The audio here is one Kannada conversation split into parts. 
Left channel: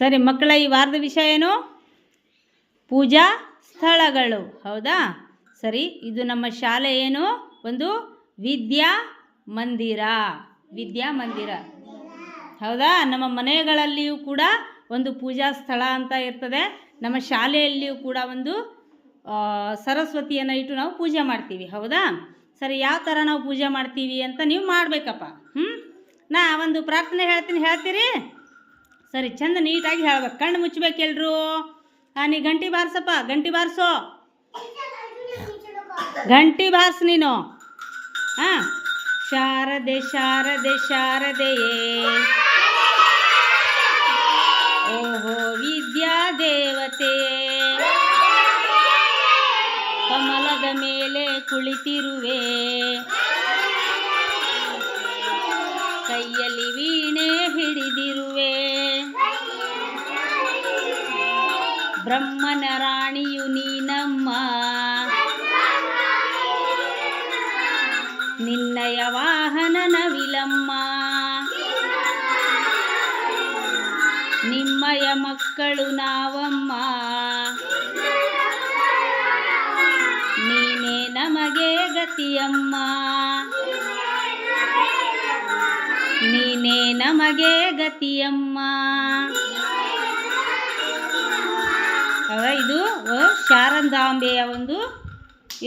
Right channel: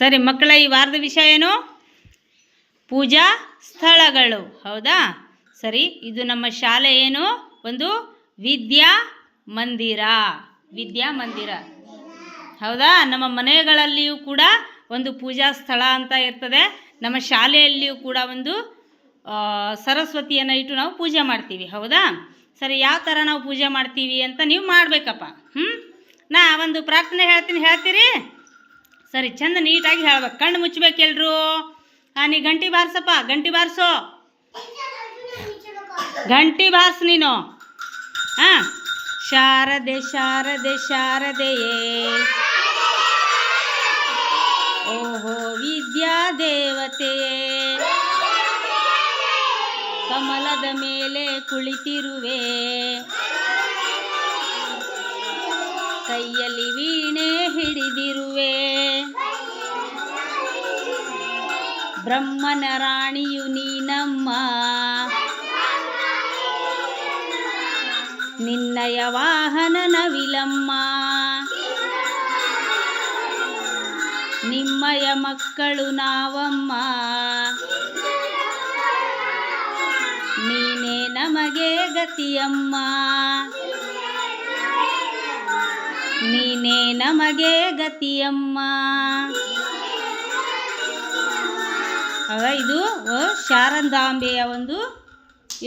ಸರಿ ಮಕ್ಕಳ, ಈ ವಾರದ ವಿಷಯ ಏನು? ಪೂಜಾ ಸ್ಥಳಗಳು. ಹೌದಾ? ಸರಿ, ಇದು ನಮ್ಮ ಶಾಲೆ ಏನು? ಒಂದು ವಿದ್ಯಾ ಮಂದಿರ. ಹೌದಾ? ನಮ್ಮ ಮನೆಗಳಲ್ಲಿಯೂ ಕೂಡ ಒಂದು ಪೂಜಾ ಸ್ಥಳ ಅಂತ ಇರ್ತದೆ. ನಮ್ಮ ಶಾಲೆಯಲ್ಲಿಯೂ ಕೂಡ ಒಂದು ಸರಸ್ವತಿಯನ್ನು ಇಟ್ಟು ನಾವು ಪೂಜೆ ಮಾಡ್ತೀವಿ. ಹೌದಾ? ಸರಿ, ಯಾವ ಥರ ನಾವು ಪೂಜೆ ಮಾಡ್ತೀವಿ ಅಂತ ನೀವು ಮಾಡಬೇಕಪ್ಪ. ನಾ ಒಂದು ಪ್ರಾರ್ಥನೆ ಹೇಳ್ತೀನಿ, ಹೇಳ್ತೀರಿ? ಸರಿ, ಚಂದ ನೀಟಾಗಿ ಹೇಳ್ಬೇಕು. ಕಣ್ಣು ಮುಚ್ಚಬೇಕು ಎಲ್ರು. ನೀ ಗಂಟಿ ಬಾರಿಸಪ್ಪ, ಗಂಟಿ ಬಾರಿಸೋ, ಗಂಟಿ ಬಾರಿಸು ನೀನು. ಹಾಂ, ಶಾರದೆ ಶಾರದೆ ಶಾರದೆಯೇ, ಓಹೋ ವಿದ್ಯಾ ದೇವತೆಯೇ, ಕಮಲದ ಮೇಲೆ ಕುಳಿತಿರುವೆ, ಕೈಯಲ್ಲಿ ವೀಣೆ ಹಿಡಿದಿರುವೆ, ಬ್ರಹ್ಮನ ರಾಣಿಯು ನೀನಮ್ಮ, ನಿನ್ನಯ ವಾಹನ ನವಿಲಮ್ಮ, ನಿಮ್ಮಯ ಮಕ್ಕಳು ನಾವಮ್ಮ, ನೀನೇ ನಮಗೆ ಗತಿಯಮ್ಮ, ನೀನೇ ನಮಗೆ ಗತಿಯಮ್ಮ. ಇದು ಶಾರದಾಂಬೆಯ ಒಂದು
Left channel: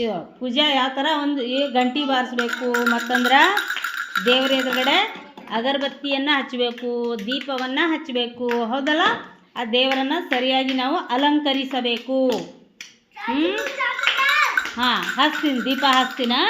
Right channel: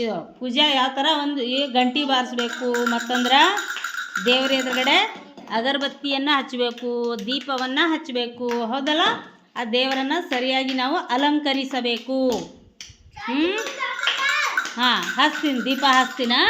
ಇದು ಪೂಜೆ. ಯಾವ ಥರ ಒಂದು ಗಂಟಿ ಬಾರಿಸ್ಬೇಕು, ಮತ್ತಂದ್ರೆ ದೇವರ ಎದುರುಗಡೆ ಅಗರಬತ್ತಿಯನ್ನು ಹಚ್ಚಬೇಕು, ದೀಪವನ್ನು ಹಚ್ಚಬೇಕು. ಹೌದಲ್ಲ? ಆ ದೇವರನ್ನು ಸರಿಯಾಗಿ ನಾವು ಅಲಂಕರಿಸಬೇಕು. ಹಾಂ, ಹಚ್ತೀನಿ, ದೀಪ ಹಚ್ತೀನಾ?